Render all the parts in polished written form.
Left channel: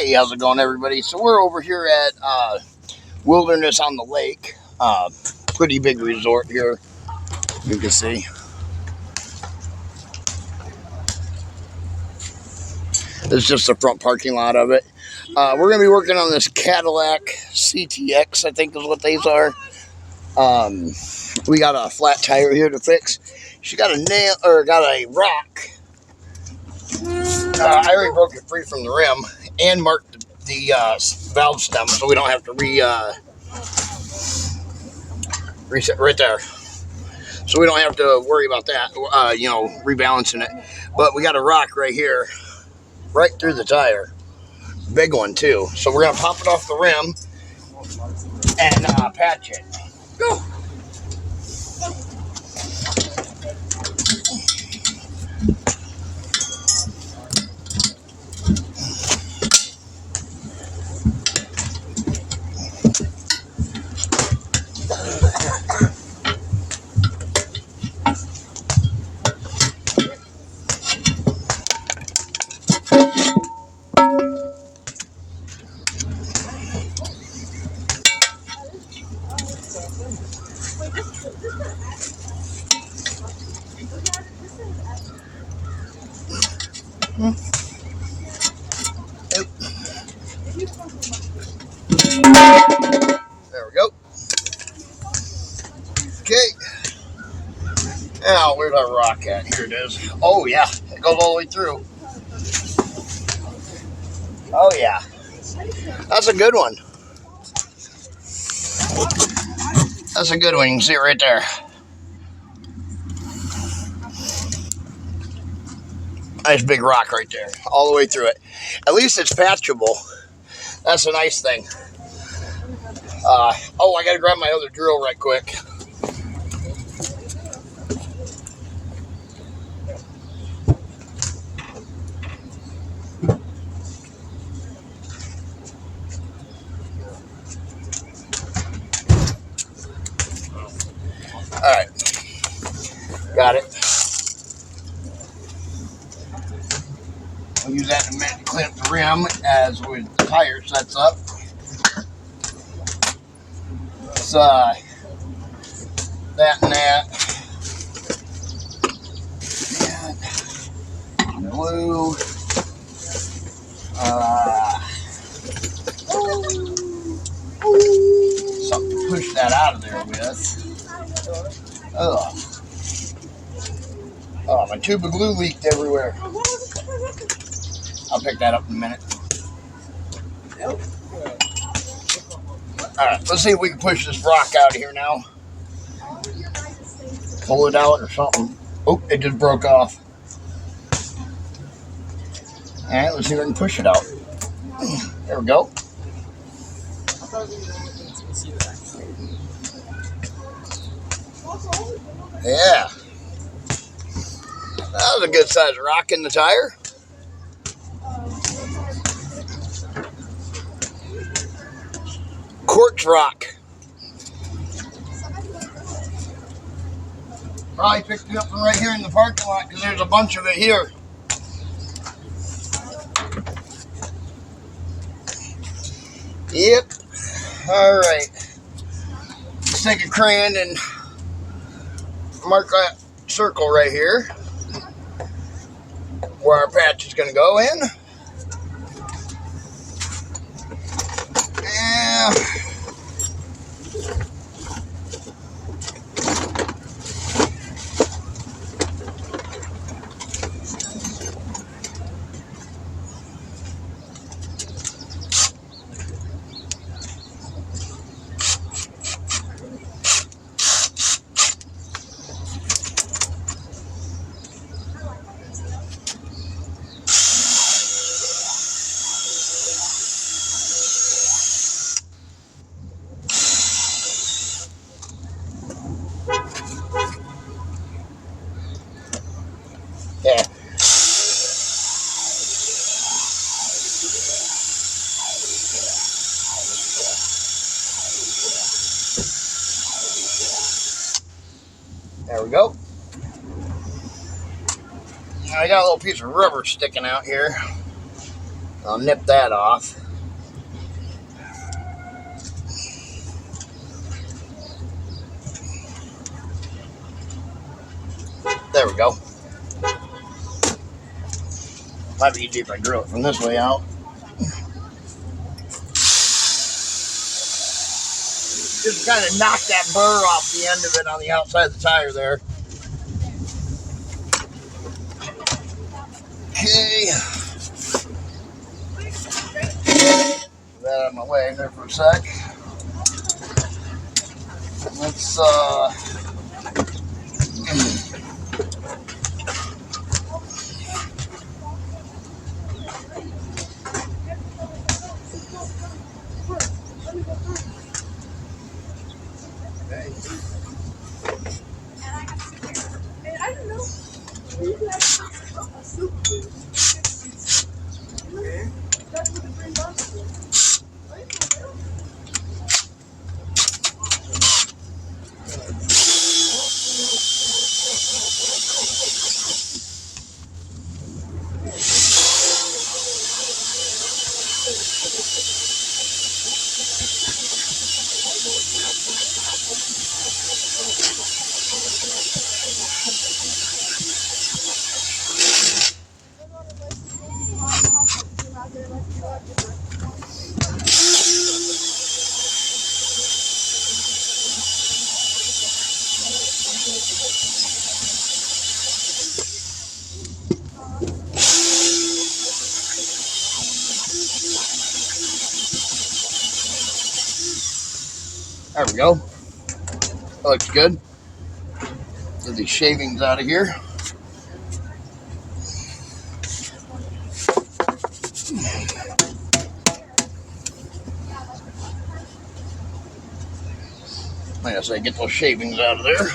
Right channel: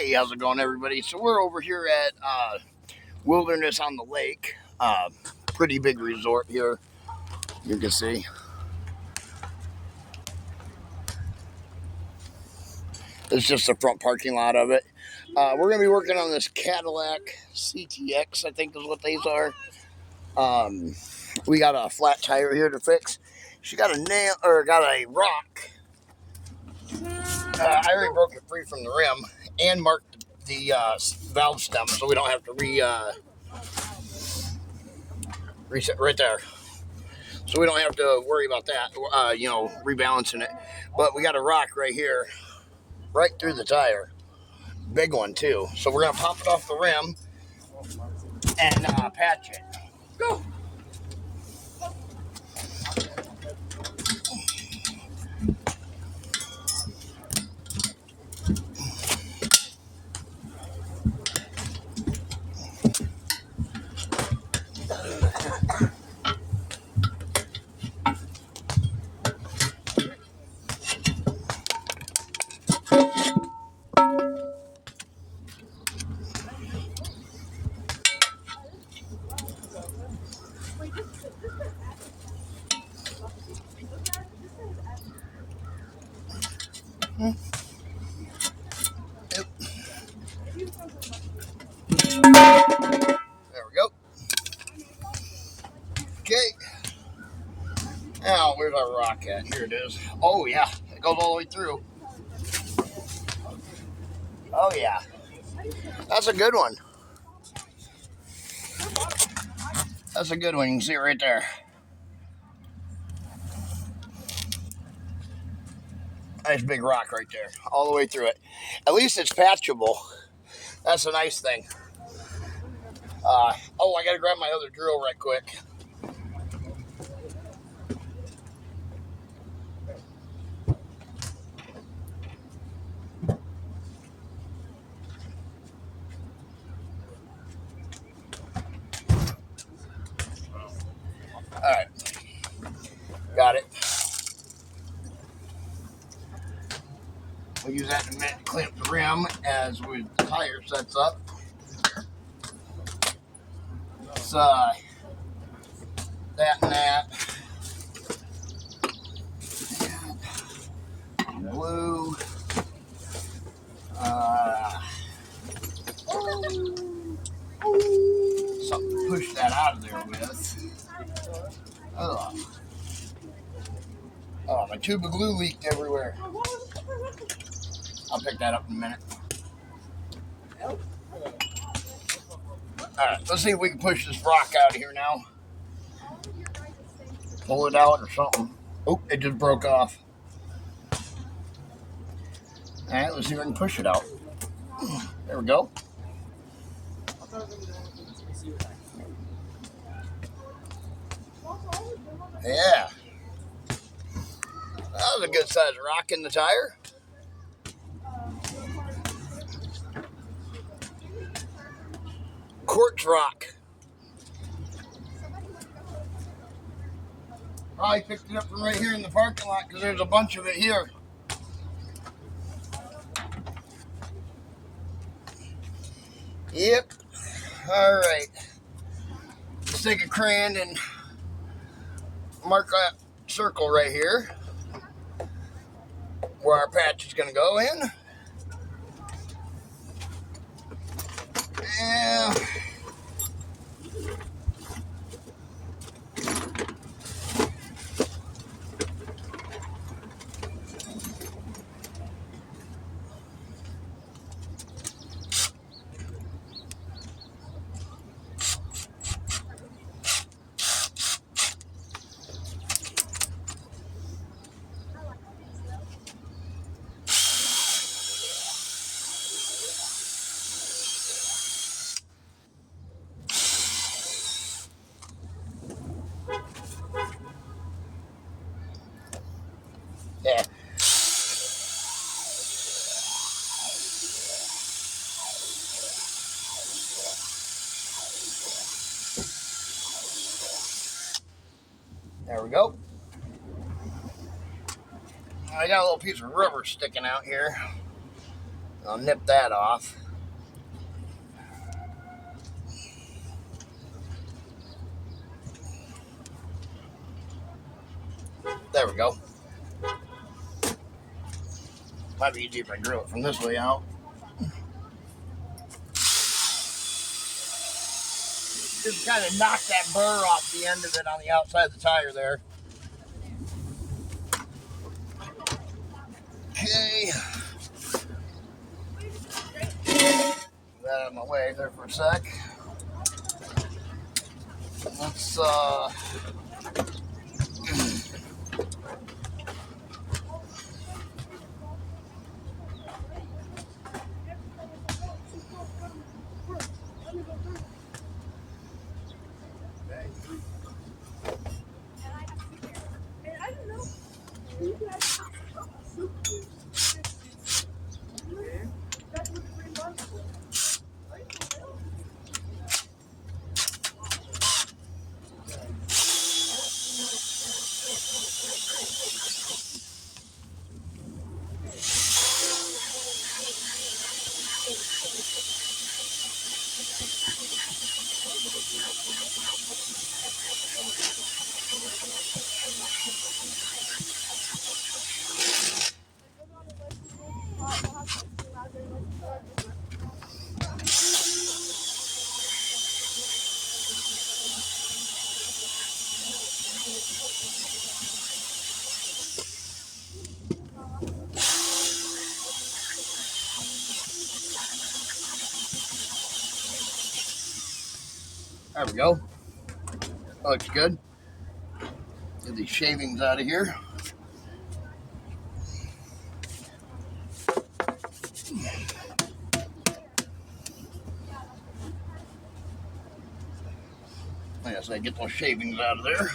Hey, how's it going, everybody? So we're over here at Wilderness on the Lake. Pretty big resort here, you can see. This is just the front parking lot of it. We're going to be working on this Cadillac CTX, I think is what these are. We got a flat tire here to fix. She got a rock. I already broke it free from the rim and marked the valve stem so we don't have to reset right there. So we don't have to worry about that, rebalancing it. But we got a rock right here, right through the tire. Big one, too. So we're going to pop it off the rim and patch it. Go! There we go. Okay. Now, where's our rock at? Here it is. Oh, yeah. It goes all the way through. Oh, yeah. That's a good one. That's a good one. You can see it right there. Nice big rock right there. All the way through it. At least it's patchable. That's a nice thing. I got to grab my other drill right quick. All right. Got it. We'll use that in a minute to clean up the rim as with the tire sets up. It's that and that. And glue. Something to push that out of there with. Oh, my tube of glue leaked everywhere. I'll pick that up in a minute. Alright, let's see if we can push this rock out of here now. Pull it out or something. Oh, it just broke off. Alright, let's see if we can push it out. There we go. Yeah. That was a good size rock in the tire. Quartz rock. Probably picked it up from right here in the parking lot because there's a bunch of it here. Yep. All right. Let's take a crayon and mark that circle right here where our patch is going to go in. Yeah. Yeah. There we go. I got a little piece of rubber sticking out here. I'll nip that off. There we go. Might be easier if I drill it from this way out. Just kind of knock that burr off the end of it on the outside of the tire there. Okay. Put that out of my way there for a sec. Let's there we go. That looks good. Get these shavings out of here. Like I say, get those shavings out of there.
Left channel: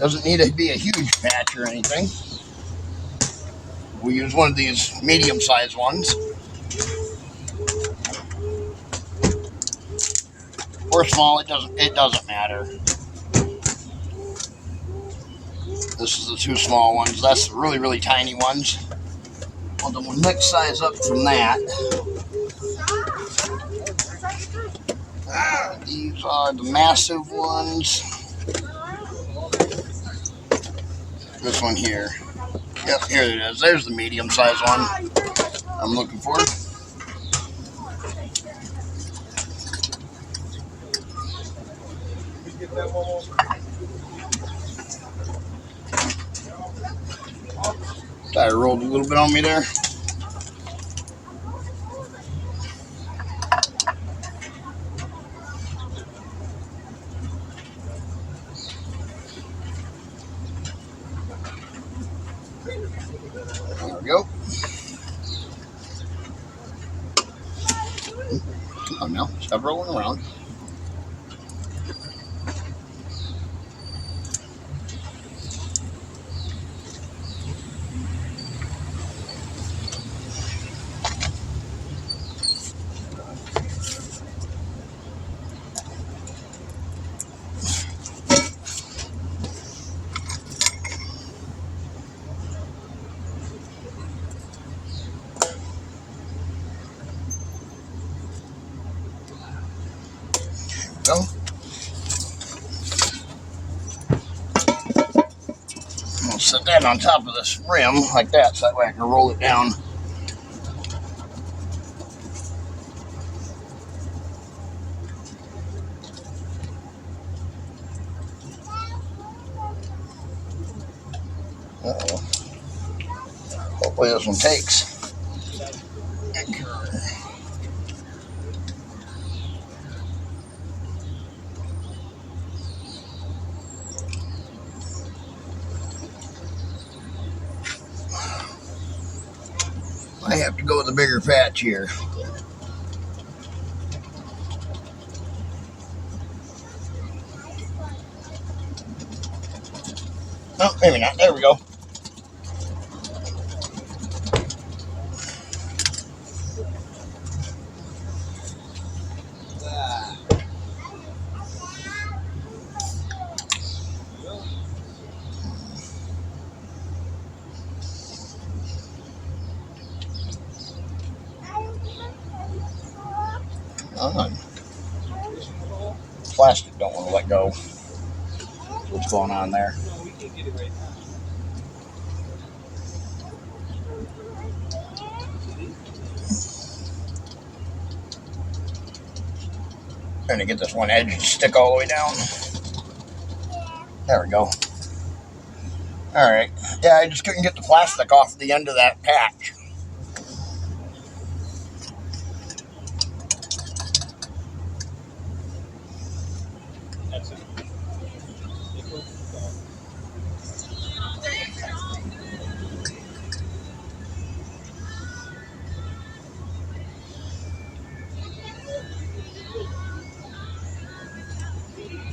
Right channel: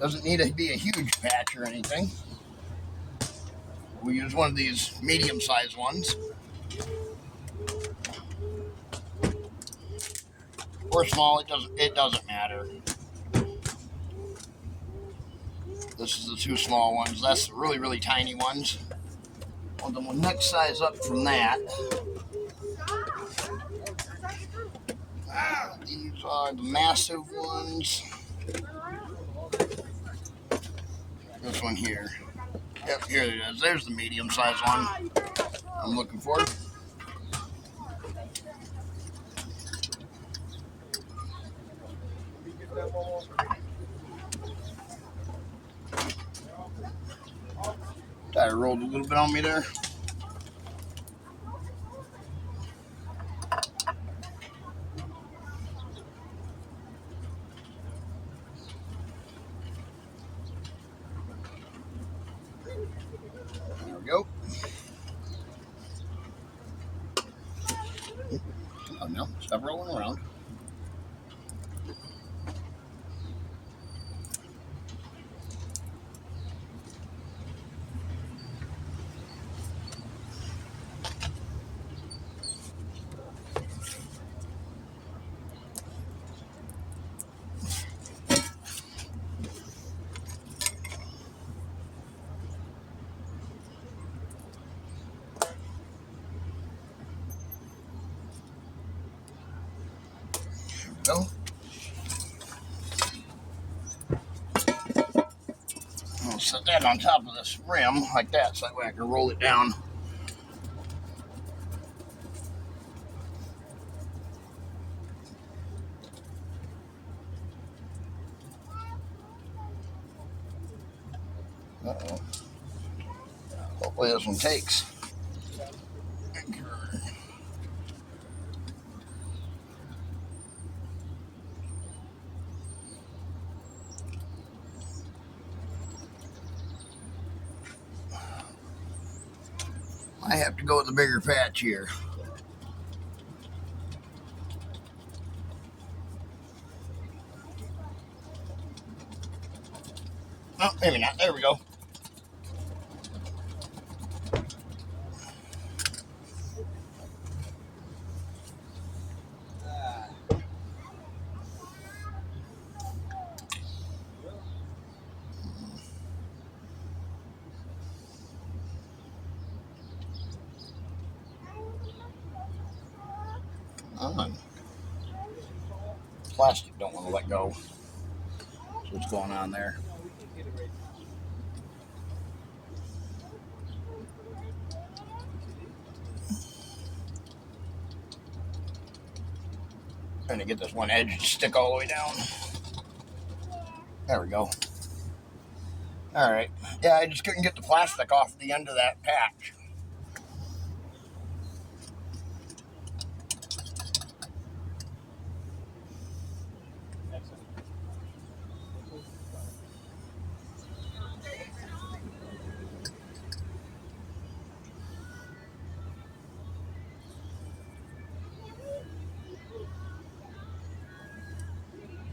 Doesn't need to be a huge patch or anything. We use one of these medium-sized ones. Or small, it doesn't matter. This is the two small ones. That's the really, really tiny ones. Well, then we'll next size up from that. These are the massive ones. This one here. Yep, here it is. There's the medium-sized one I'm looking for. Tire rolled a little bit on me there. There we go. Come on now, stop rolling around. Go. I'll set that on top of this rim like that, so that way I can roll it down. Uh-oh. Hopefully this one takes. I have to go with a bigger patch here. Oh, maybe not. There we go. On. Plastic don't want to let go. What's going on there? Trying to get this one edge to stick all the way down. There we go. All right. Yeah, I just couldn't get the plastic off the end of that patch.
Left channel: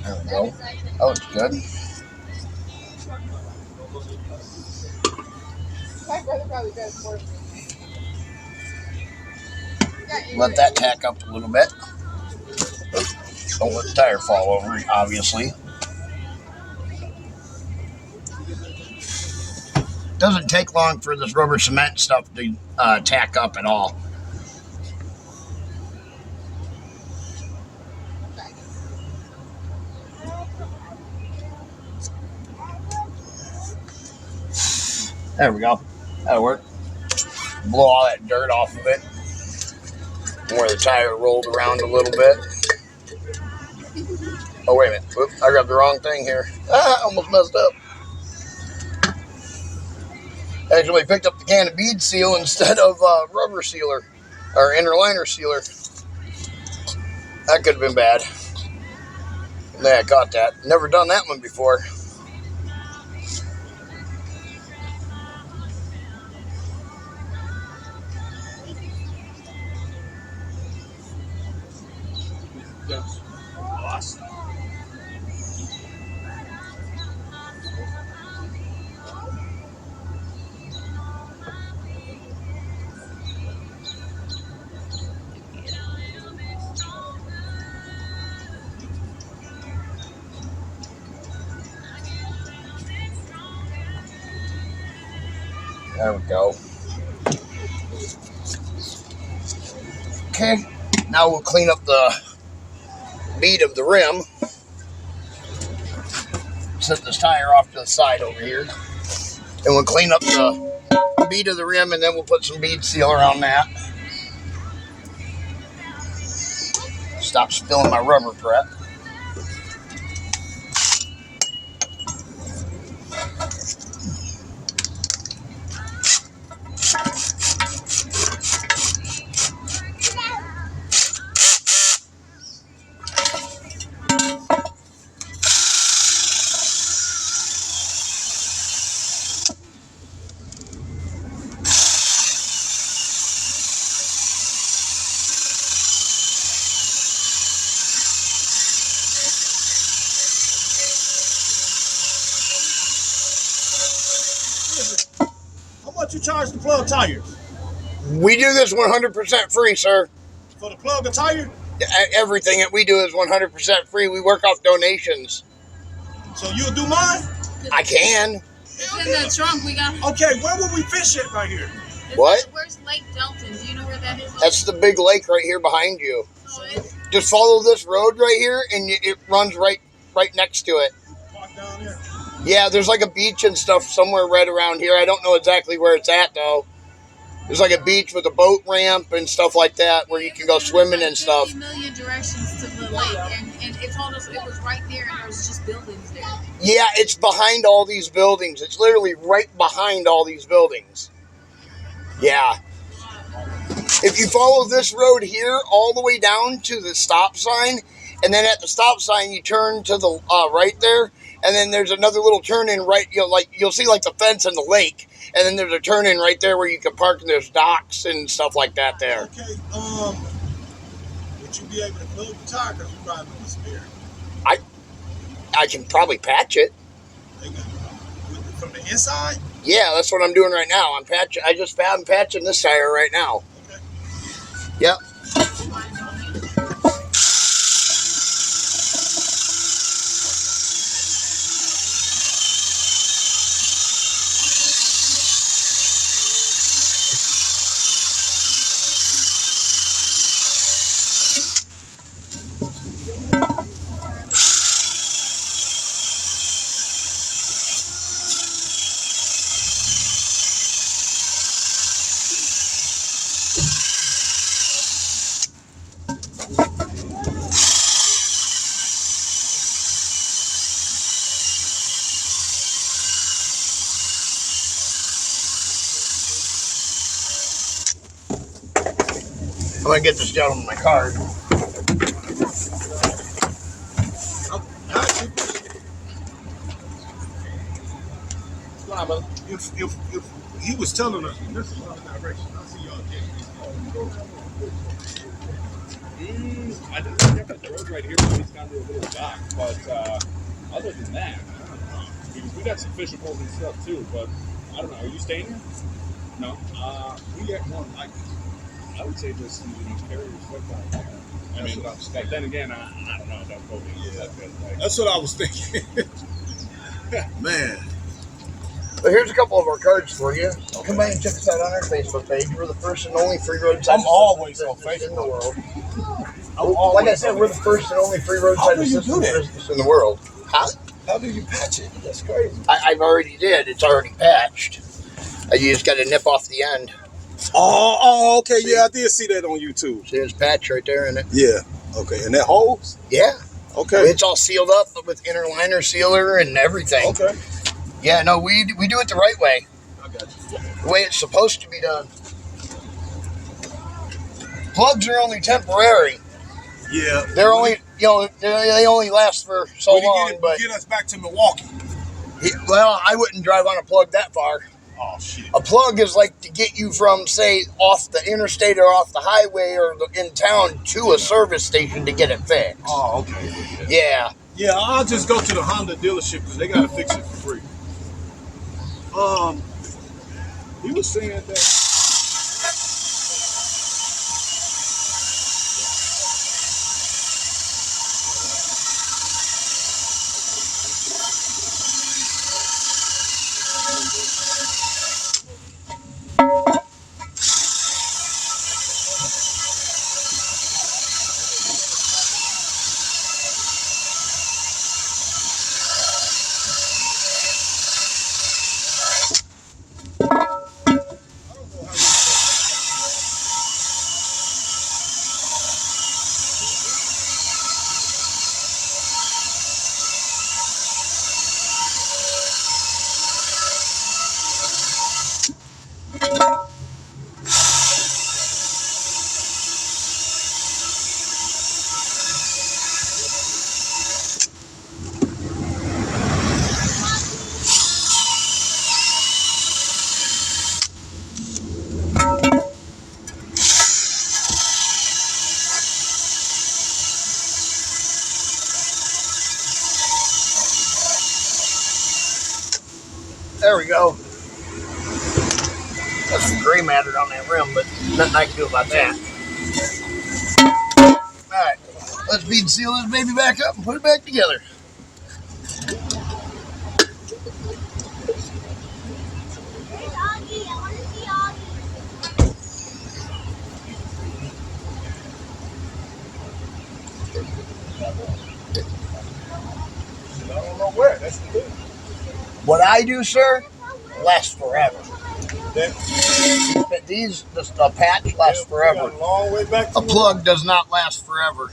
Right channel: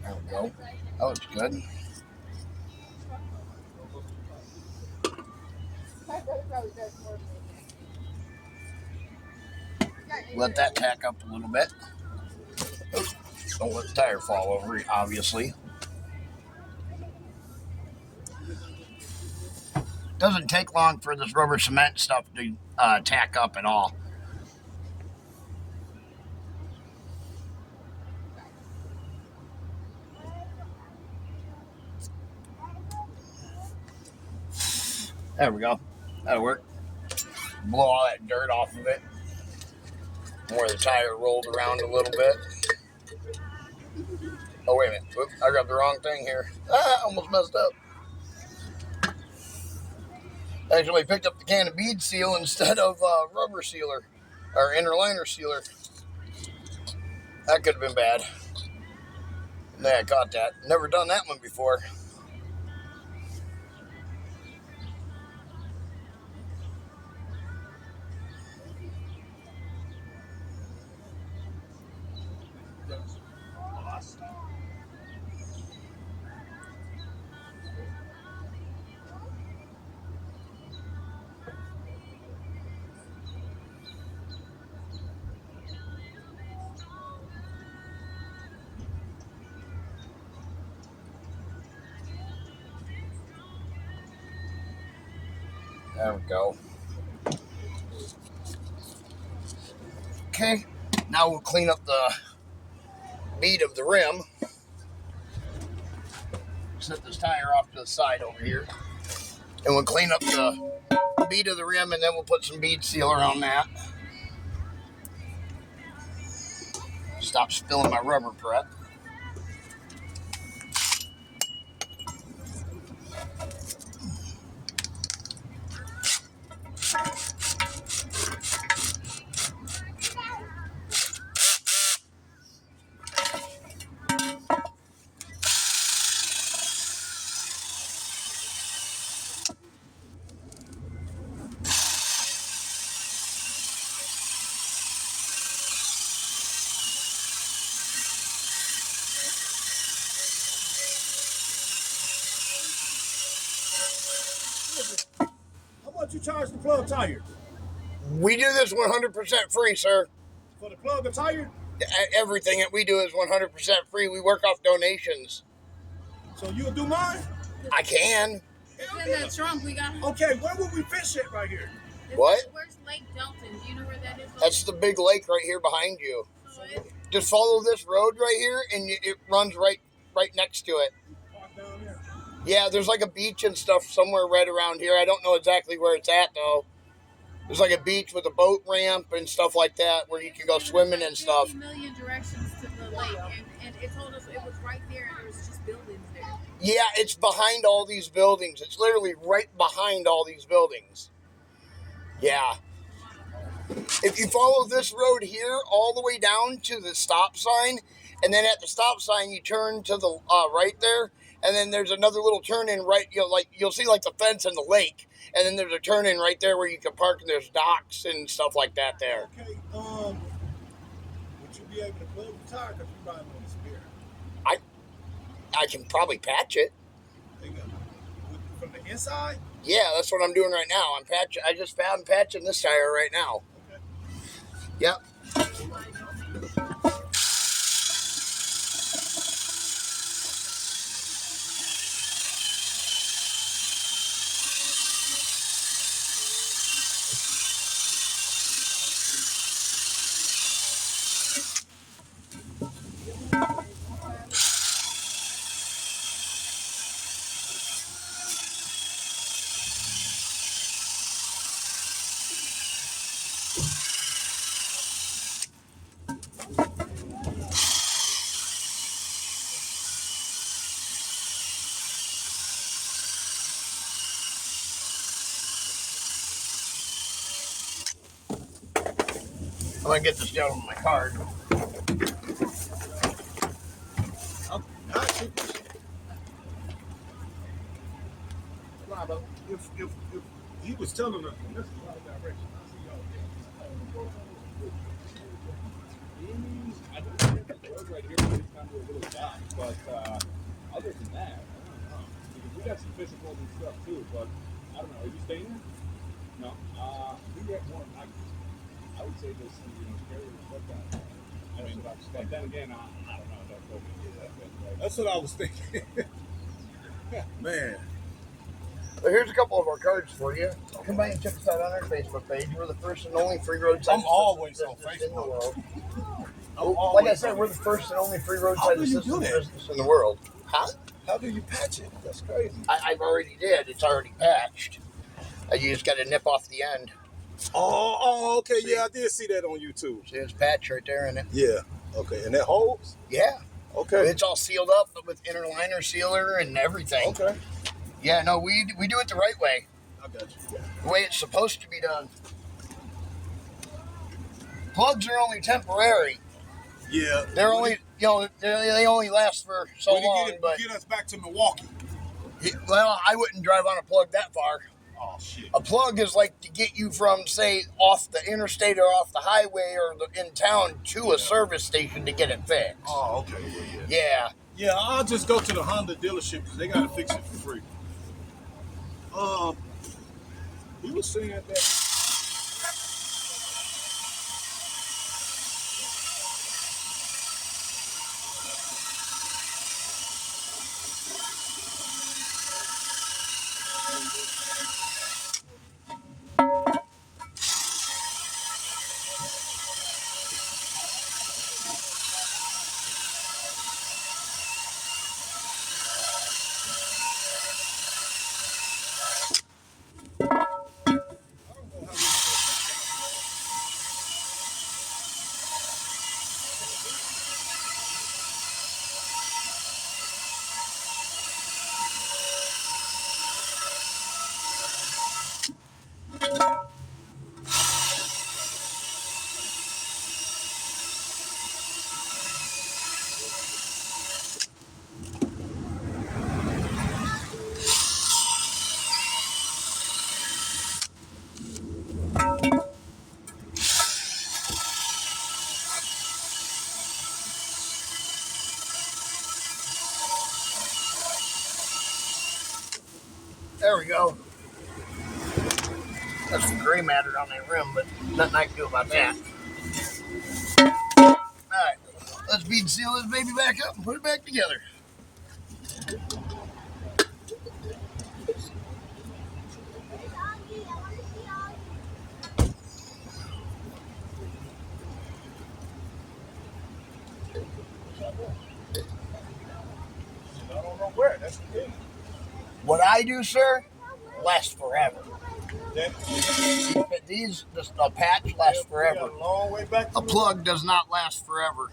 There we go. That looks good. Let that tack up a little bit. Don't let the tire fall over, obviously. Doesn't take long for this rubber cement stuff to tack up at all. There we go. That'll work. Blow all that dirt off of it. Where the tire rolled around a little bit. Oh, wait a minute. Oops, I grabbed the wrong thing here. Almost messed up. Actually picked up the can of bead seal instead of rubber sealer. Or inner liner sealer. That could have been bad. Yeah, I caught that. Never done that one before. There we go. Okay, now we'll clean up the bead of the rim. Set this tire off to the side over here. And we'll clean up the bead of the rim, and then we'll put some bead seal around that. Stop spilling my rubber prep. You charge the plug tire? We do this 100% free, sir. For the plug of tire? Everything that we do is 100% free. We work off donations. So you'll do mine? I can. It's in the trunk. We got. Okay, where will we fish it right here? What? Where's Lake Delton? Do you know where that is? That's the big lake right here behind you. Oh, it's... Just follow this road right here, and it runs right next to it. Park down there. Yeah, there's like a beach and stuff somewhere right around here. I don't know exactly where it's at, though. There's like a beach with a boat ramp and stuff like that where you can go swimming and stuff. 50 million directions to the lake, and it told us it was right there, and there was just buildings there. Yeah, it's behind all these buildings. It's literally right behind all these buildings. Yeah. If you follow this road here all the way down to the stop sign, and then at the stop sign you turn to the right there, and then there's another little turn in right. You'll see like the fence and the lake, and then there's a turn in right there where you can park, and there's docks and stuff like that there. Okay. Would you be able to plug the tire because you're driving with spare? I can probably patch it. Would from the inside? Yeah, that's what I'm doing right now. I'm patching. I'm patching this tire right now. Okay. Yep. I'm gonna get this gentleman my card. If he was telling us, this is a lot of direction. I see y'all I think we have the road right here, so it's kind of a little dock, but other than that, I don't know. Because we got some fishing poles and stuff too, but I don't know. Are you staying here? No. we at one like this. I would say just these carriers like that. I mean, but then again, I don't know. Don't quote me. Yeah. Like, That's what I was thinking. Man. But here's a couple of our cards for you. Come by and check us out on our Facebook page. We're the first and only free roadside I'm always on business in Facebook. the world. I'm Like I always said, we're the first and only free roadside How do you assistance do that? business in the world. Huh? How do you patch it? That's crazy. I've already did. It's already patched. You just got to nip off the end. Oh, okay. See? Yeah, I did see that on YouTube. See this patch right there in it? Yeah. Okay. And that holds? Yeah. Okay. It's all sealed up with inner liner sealer and everything. Okay. Yeah, no, we do it the right way. I got you. The way it's supposed to be done. Plugs are only temporary. Yeah. They're only, they only last for so long. But get us back to Milwaukee. well, I wouldn't drive on a plug that far. Oh shit. A plug is like to get you from, say, off the interstate or off the highway or in town to a service station to get it fixed. Oh, okay. Yeah. Yeah, I'll just go to the Honda dealership because they gotta fix it for free. He was saying that. There we go. That's some gray matter on that rim, but nothing I can do about that. Alright, let's bead seal this baby back up and put it back together. I don't know where. That's the thing. What I do, sir, lasts forever. That, A patch lasts forever. we got a long way back to A plug does not last forever.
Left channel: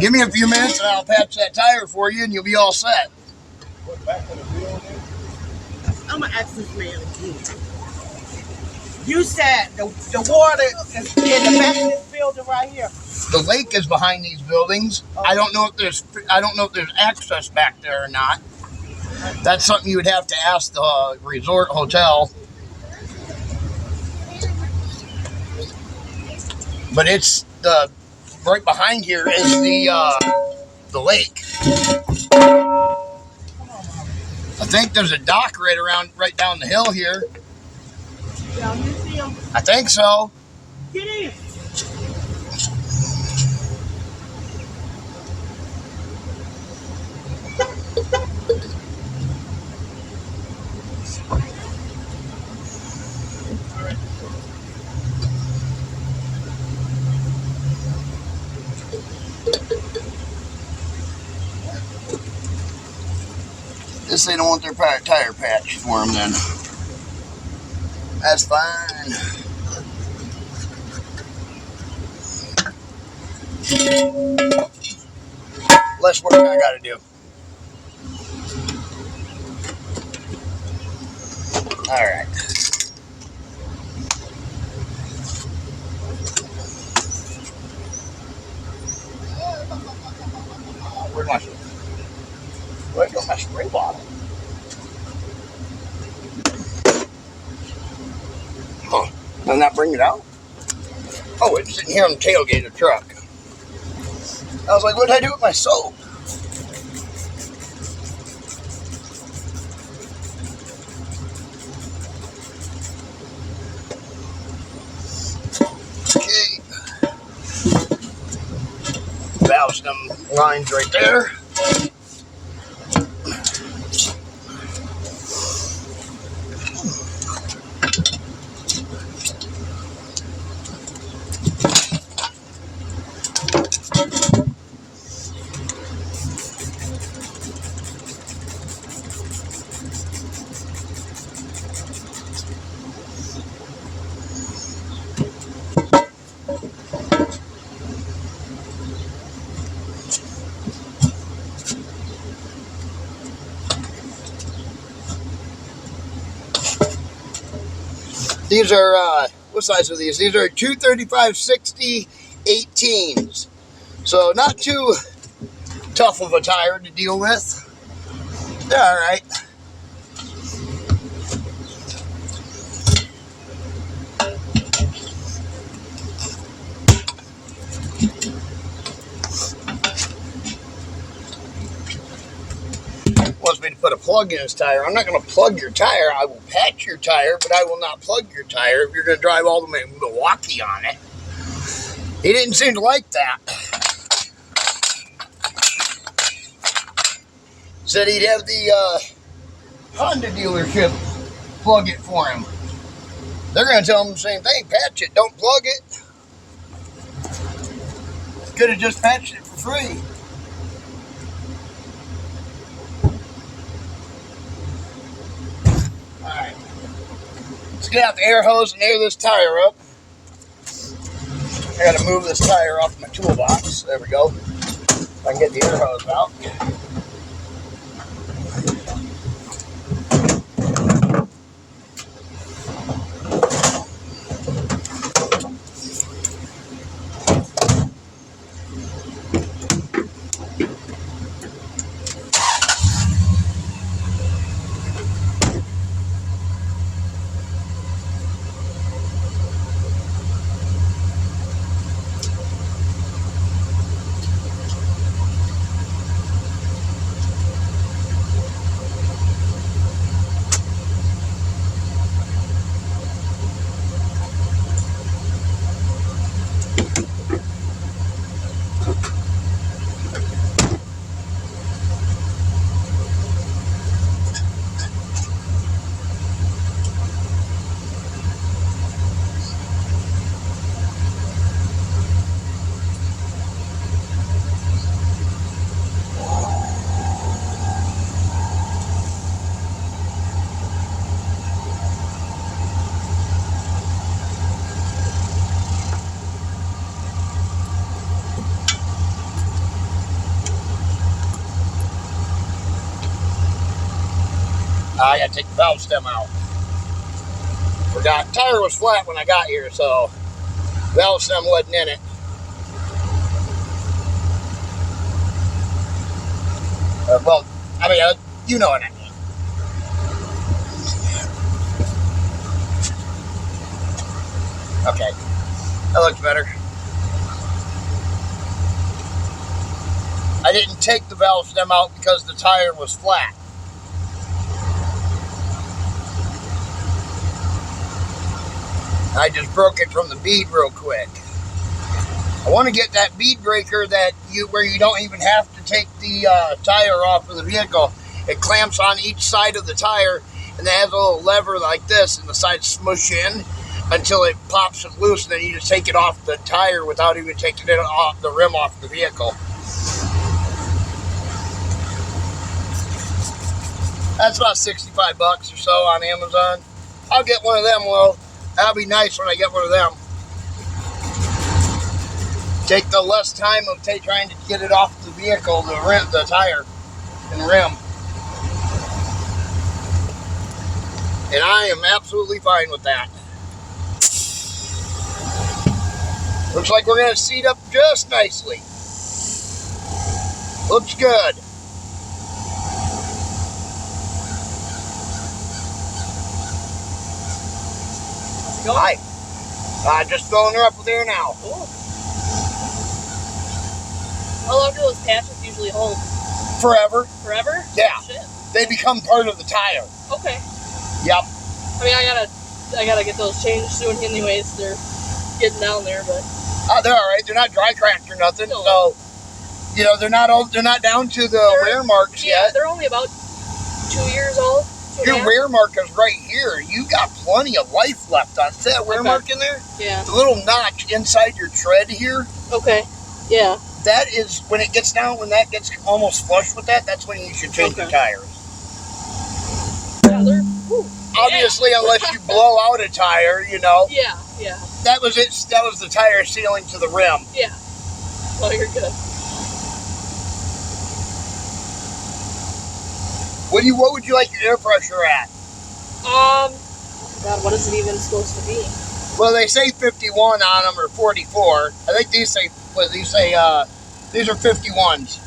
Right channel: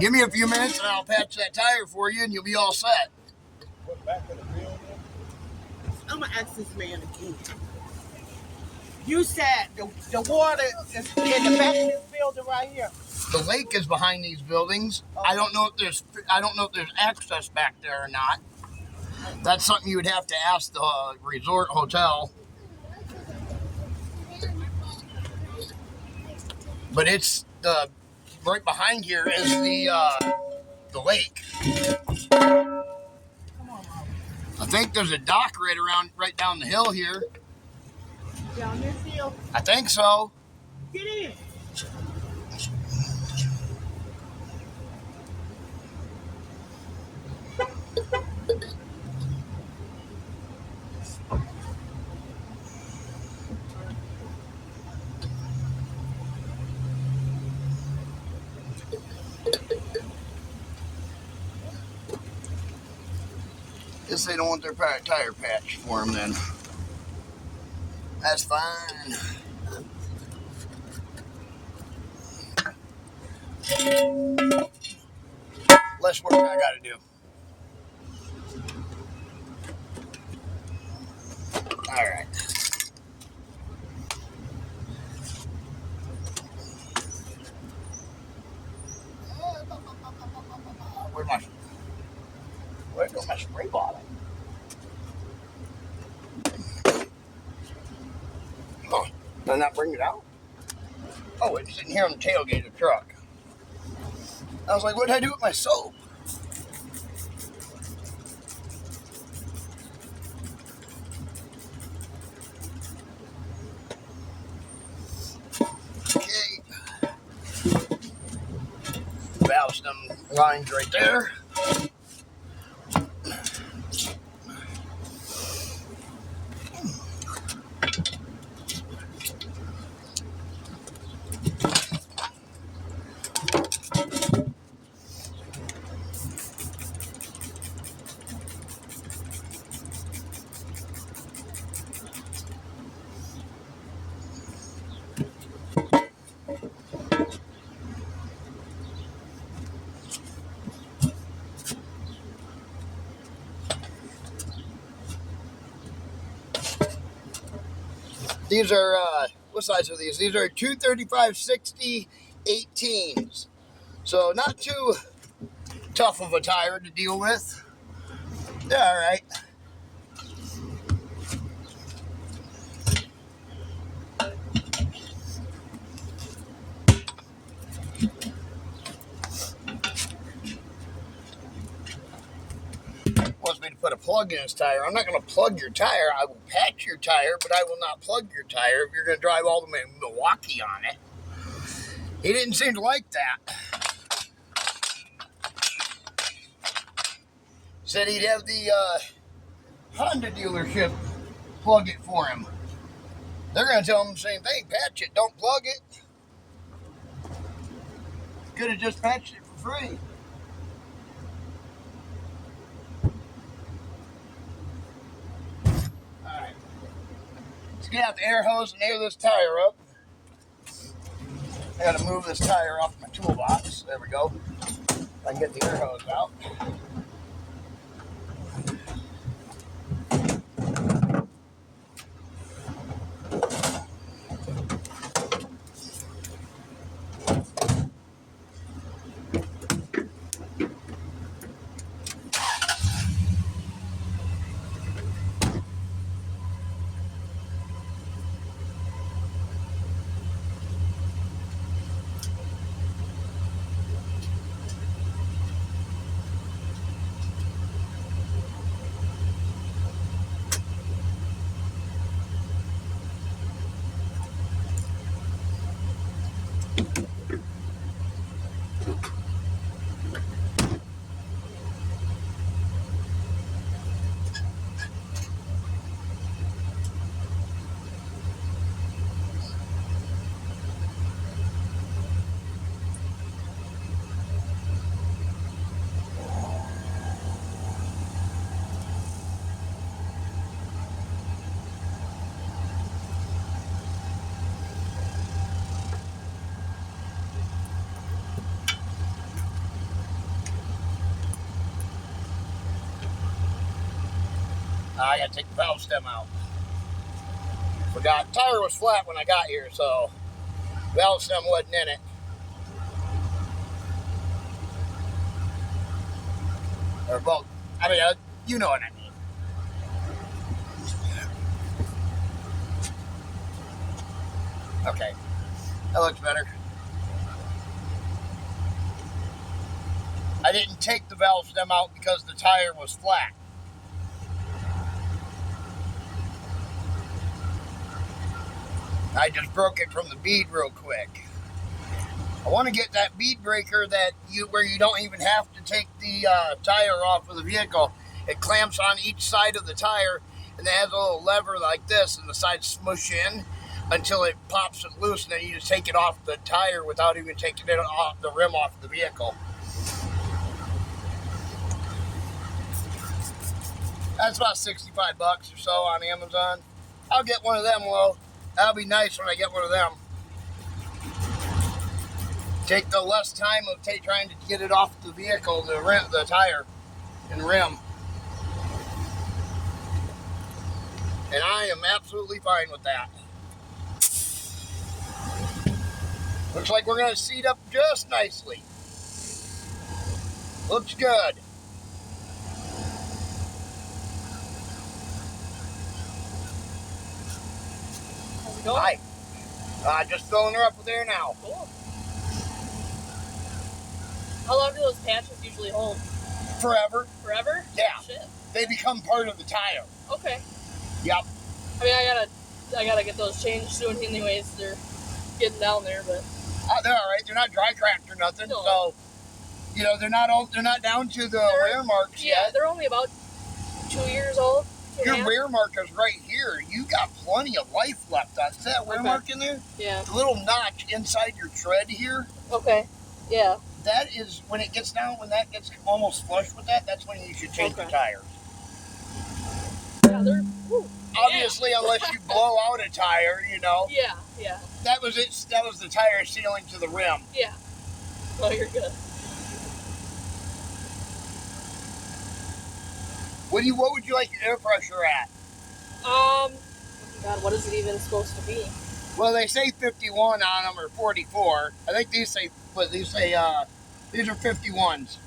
Give me a few minutes and I'll patch that tire for you and you'll be all set. Put back to the building. I'm gonna ask this man again. You said the water is in the back of this building right here. The lake is behind these buildings. I don't know if there's access back there or not. That's something you would have to ask the resort hotel. But it's right behind here is the lake. I think there's a dock right down the hill here. Down this hill. I think so. Get in. Guess they don't want their tire patch for them then. That's fine. Less work I gotta do. Alright. Where'd my spray bottle? Huh. Did I not bring it out? Oh, it's sitting here on the tailgate of the truck. I was like, what did I do with my soap? Okay. Valve stem lines right there. These are, what size are these? These are 235/60 18s. So not too tough of a tire to deal with. They're all right. Wants me to put a plug in his tire. I'm not going to plug your tire. I will patch your tire, but I will not plug your tire if you're going to drive all the way to Milwaukee on it. He didn't seem to like that. Said he'd have the Honda dealership plug it for him. They're going to tell him the same thing. Patch it. Don't plug it. Could have just patched it for free. Alright. Let's get out the air hose and air this tire up. I got to move this tire off my toolbox. There we go. If I can get the air hose out. I gotta take the valve stem out. Forgot. Tire was flat when I got here, so valve stem wasn't in it. Well, I mean, you know what I mean. Okay, that looks better. I didn't take the valve stem out because the tire was flat. I just broke it from the bead real quick. I want to get that bead breaker where you don't even have to take the tire off of the vehicle. It clamps on each side of the tire, and it has a little lever like this, and the sides smush in until it pops it loose, and then you just take it off the tire without even taking it off the rim off the vehicle. That's about $65 or so on Amazon. I'll get one of them, Will. That'll be nice when I get one of them. Take the less time of trying to get it off the vehicle, the tire and rim. And I am absolutely fine with that. Looks like we're going to seat up just nicely. Looks good. Hi. Just filling her up with air now. Cool. How long do those patches usually hold? Forever. Forever? Yeah. Oh, shit. They become part of the tire. Okay. Yep. I mean, I gotta get those changed soon anyways. They're getting down there, but. They're all right. They're not dry cracked or nothing. No. So, you know, they're not down to the wear marks yet. They're only about 2 years old. Your wear mark is right here. You got plenty of life left on. See that wear mark in there? Yeah. The little notch inside your tread here. Okay. Yeah. That is when it gets down. When that gets almost flush with that, that's when you should change your tires. Yeah, they're. Whew. Obviously, unless you blow out a tire, you know. Yeah. Yeah. That was it. That was the tire sealing to the rim. Yeah. Oh, you're good. What would you like your air pressure at? God, what is it even supposed to be? Well, they say 51 on them or 44. I think these say these are 51s.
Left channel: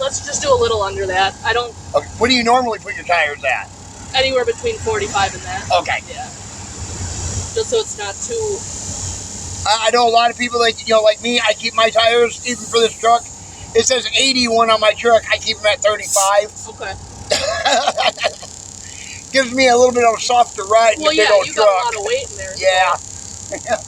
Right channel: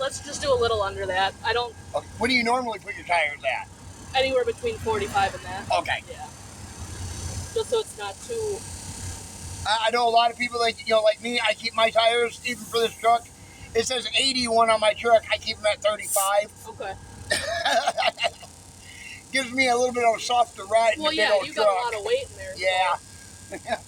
Let's just do a little under that. I don't. Okay. What do you normally put your tires at? Anywhere between 45 and that. Okay. Yeah. Just so it's not too. I know a lot of people like me. I keep my tires even for this truck. It says 81 on my truck. I keep them at 35. Okay. Gives me a little bit of a softer ride in a big old you truck. got a lot of weight in there. Yeah. So.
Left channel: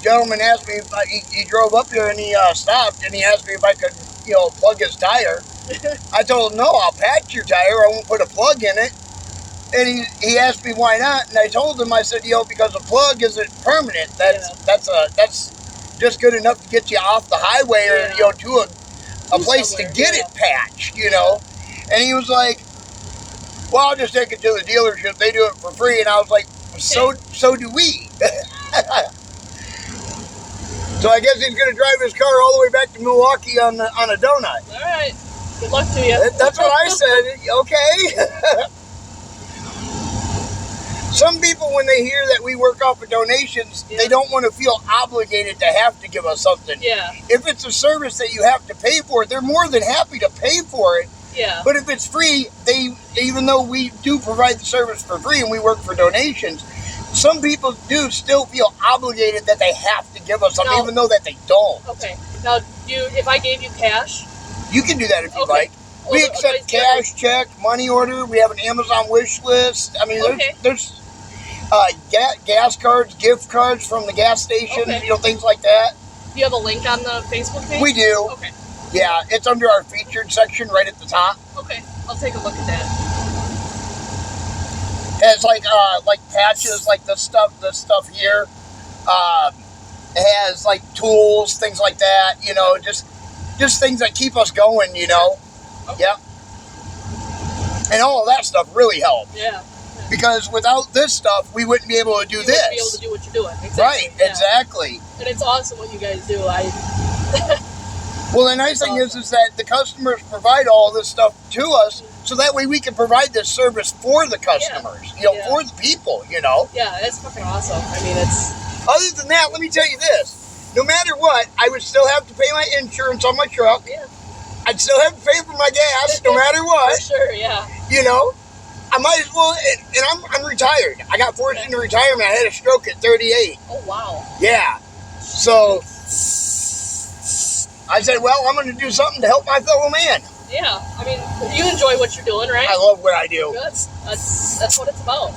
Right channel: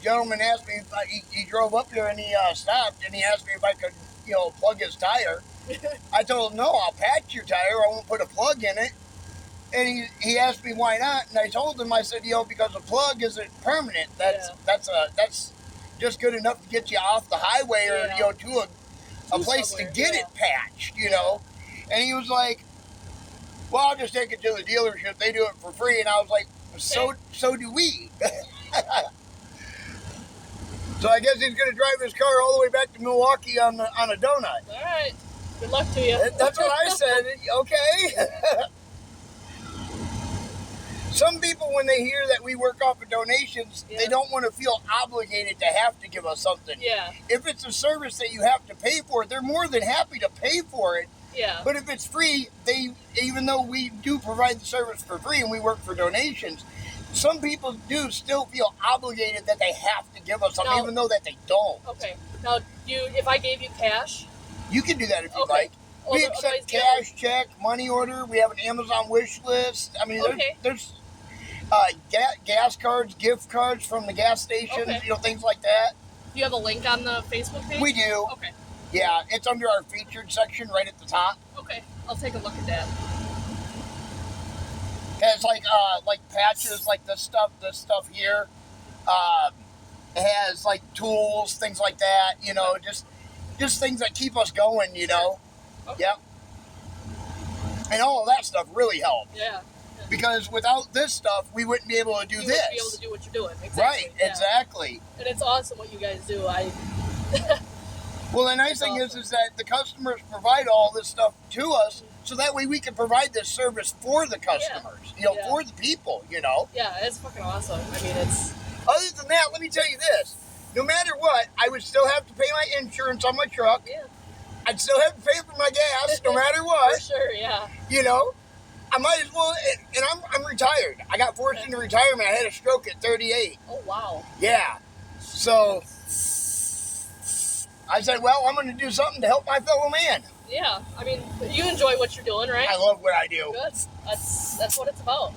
Gentleman asked me if he drove up here and he stopped and he asked me if I could, plug his tire. I told him, no, I'll patch your tire. I won't put a plug in it. And he asked me why not, and I told him, I said, because a plug isn't permanent. That's just good enough to get you off the highway or to a place to get it patched, And he was like, well, I'll just take it to the dealership. They do it for free. And I was like, so do we. So I guess he's going to drive his car all the way back to Milwaukee on a donut. All right. Good luck to you. That's what I said. Okay. Some people, when they hear that we work off of donations, they don't want to feel obligated to have to give us something. Yeah. If it's a service that you have to pay for, they're more than happy to pay for it. Yeah. But if it's free, even though we do provide the service for free and we work for donations, some people do still feel obligated that they have to give us something, even though that they don't. Okay. Now, if I gave you cash? You can do that if you like. We accept cash, check, money order. We have an Amazon wish list. I mean, there's gas cards, gift cards from the gas station, things like that. Do you have a link on the Facebook page? We do. Okay. Yeah, it's under our featured section right at the top. Okay, I'll take a look at that. It's like patches, like the stuff here. It has like tools, things like that. Just things that keep us going. Okay. Yeah. And all of that stuff really helps. Yeah. Because without this stuff, we wouldn't be able to do this. You wouldn't be able to do what you're doing. Exactly. Right. Yeah. Exactly. And it's awesome what you guys do. Well, the nice thing is that the customers provide all this stuff to us, so that way we can provide this service for the customers, for the people, Yeah, that's fucking awesome. I mean, it's... Other than that, let me tell you this. No matter what, I would still have to pay my insurance on my truck. Yeah. I'd still have to pay for my gas, no matter what. For sure, yeah. I might as well, and I'm retired. I got forced into retirement. I had a stroke at 38. Oh, wow. Yeah. So I said, well, I'm going to do something to help my fellow man. Yeah. I mean, you enjoy what you're doing, right? I love what I do. Good. That's what it's about.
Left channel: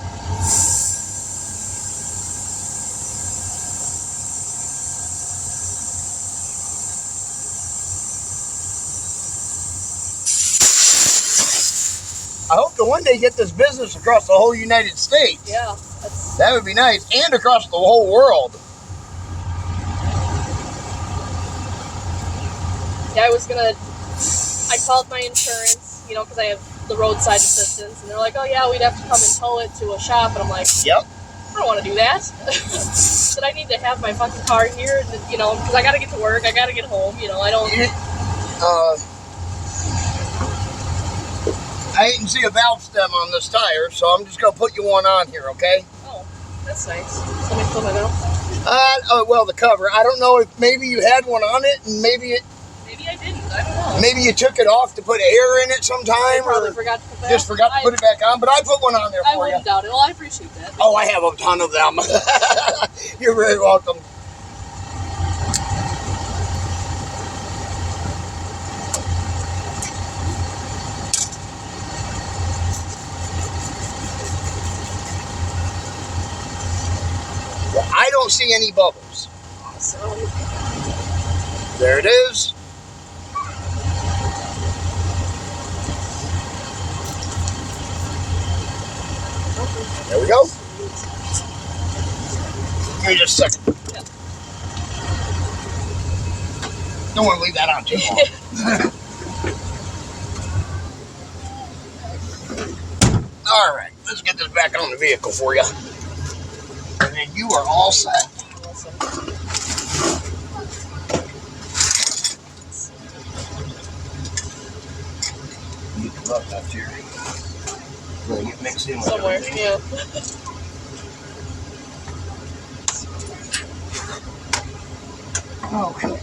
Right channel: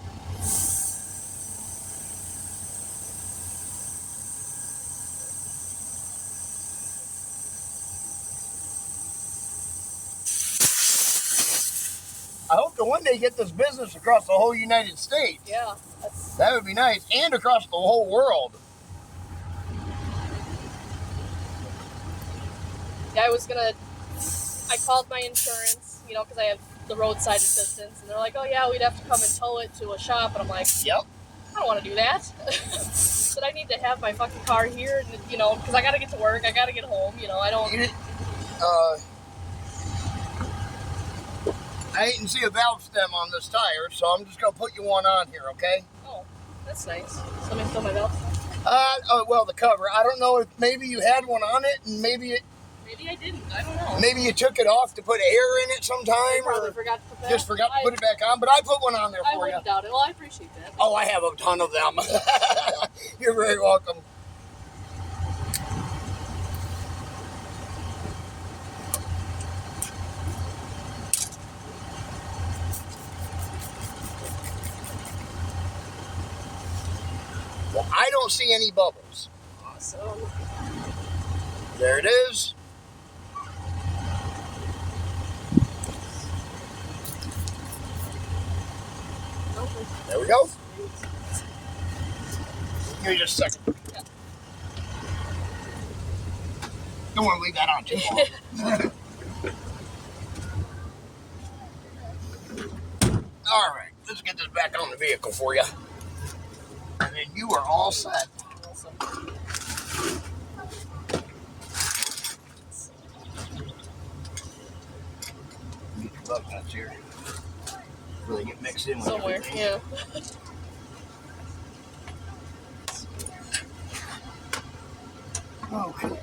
I hope to one day get this business across the whole United States. Yeah. That would be nice. And across the whole world. Yeah, I called my insurance, you know, because I have the roadside assistance, and they're like, oh yeah, we'd have to come and tow it to a shop, and I'm like, yep. I don't want to do that. But I need to have my fucking car here, you know, because I got to get to work, I got to get home, you know, I don't... I didn't see a valve stem on this tire, so I'm just going to put you one on here, okay? Oh, that's nice. Somebody fill my valve? Well, the cover. I don't know if maybe you had one on it, and maybe I didn't. I don't know. maybe you took it off to put air in it sometime, I probably or forgot to put that. just forgot to put it back on, but I put one on there I for you. wouldn't doubt it. Well, I appreciate that. Oh, I have a ton of them. You're very welcome. I don't see any bubbles. Awesome. There it is. There we go. Give me just a second. Yeah. Don't want to leave that on too long. All right, let's get this back on the vehicle for you. And then you are all set. Awesome. You can look up here. Really get mixed in with Somewhere, everything. yeah. Okay.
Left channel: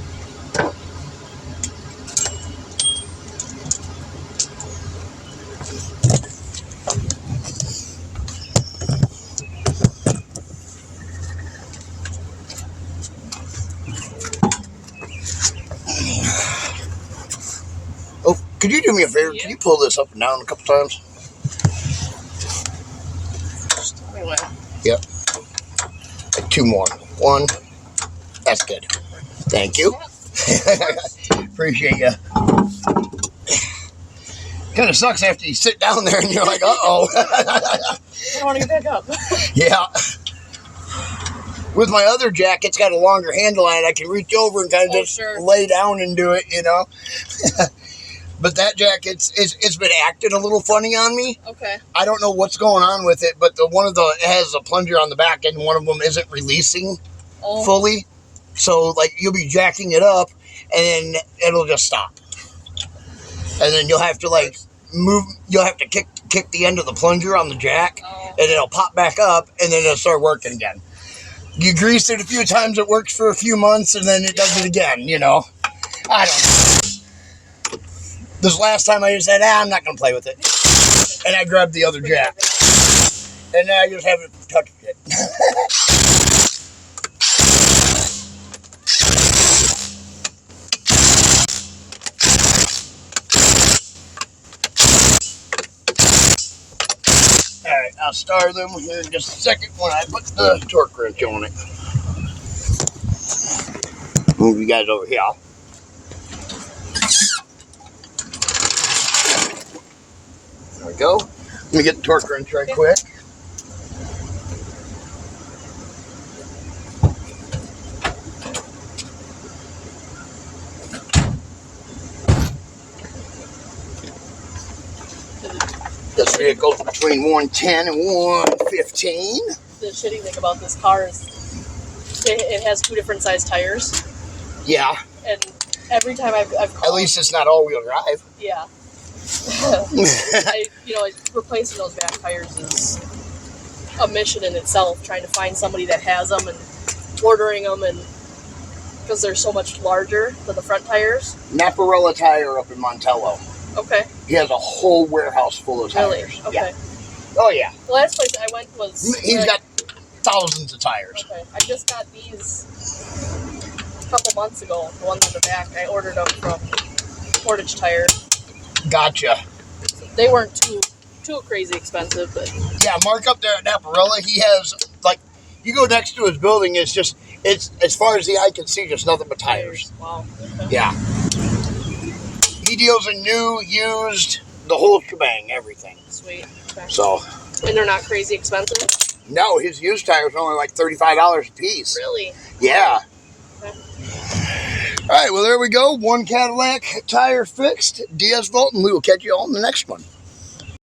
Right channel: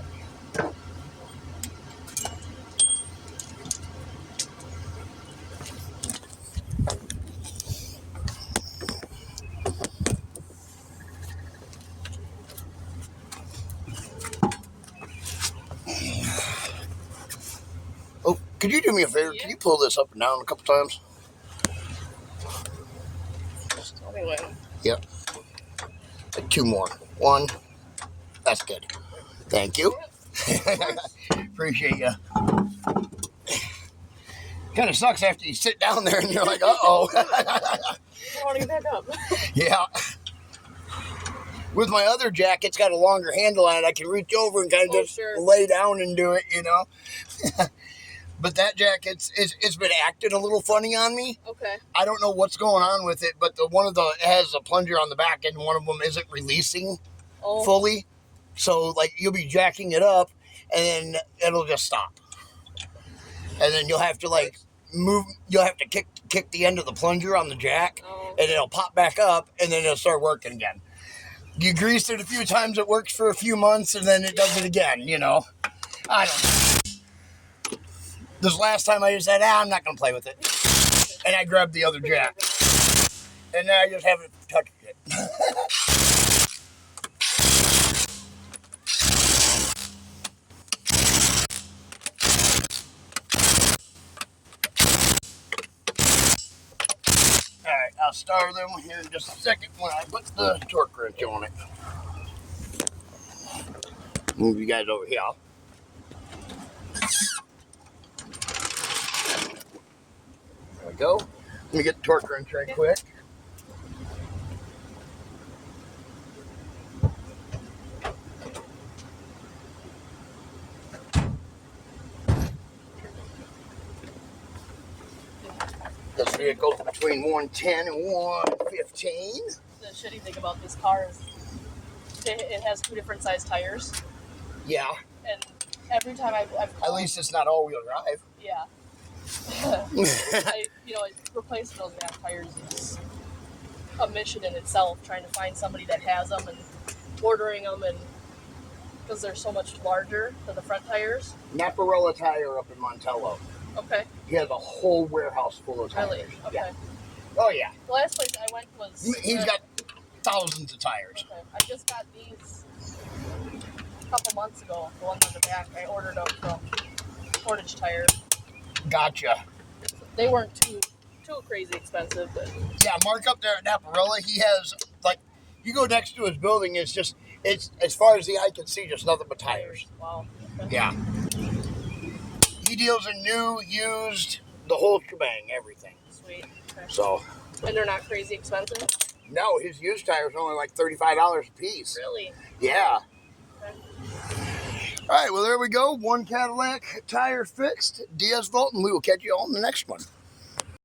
Oh, could you do me a favor? Yeah. Can you pull this up and down a couple times? Just tell me when. Yep. Like 2 more. 1. That's good. Thank you. Appreciate you. Kind of sucks after you sit down there and you're like, uh-oh. I don't want to get back up. Yeah. With my other jack, it's got a longer handle on it. I can reach over and kind of just sure. lay down and do it, you know. But that jack, it's been acting a little funny on me. Okay. I don't know what's going on with it, but it has a plunger on the back, and one of them isn't releasing fully. So, like, you'll be jacking it up, and then it'll just stop. And then you'll have to, like, you'll have to kick the end of the plunger on the jack, and it'll pop back up, and then it'll start working again. You grease it a few times, it works for a few months, and then it does it again, you know. I don't know. This last time I just said, I'm not going to play with it. And I grabbed the other jack. And now I just haven't touched it. Alright, I'll start them here in just a second when I put the torque wrench on it. Move you guys over here. There we go. Let me get the torque wrench right quick. This vehicle's between 110 and 115. The shitty thing about this car is it has 2 different size tires. Yeah. And every time I've called, At least it's not all-wheel drive. yeah. Replacing those back tires is a mission in itself. Trying to find somebody that has them and ordering them, and because they're so much larger than the front tires. Naparella Tire up in Montello. Okay. He has a whole warehouse full of tires. Really? Okay. Yeah. Oh yeah, The last place I went was. he's got thousands of tires. Okay, I just got these a couple months ago. The ones on the back, I ordered them from Portage Tire. Gotcha. They weren't too crazy expensive, but Yeah, Mark up there at Naparella, he has like, you go next to his building, it's as far as the eye can see, just nothing but tires. Wow. Yeah. He deals in new, used, the whole shebang, everything. Sweet. Okay. So. And they're not crazy expensive? No, his used tires are only like $35 a piece. Really? Yeah. Okay. All right, well, there we go. One Cadillac tire fixed. DS Vault, and we will catch you all in the next one.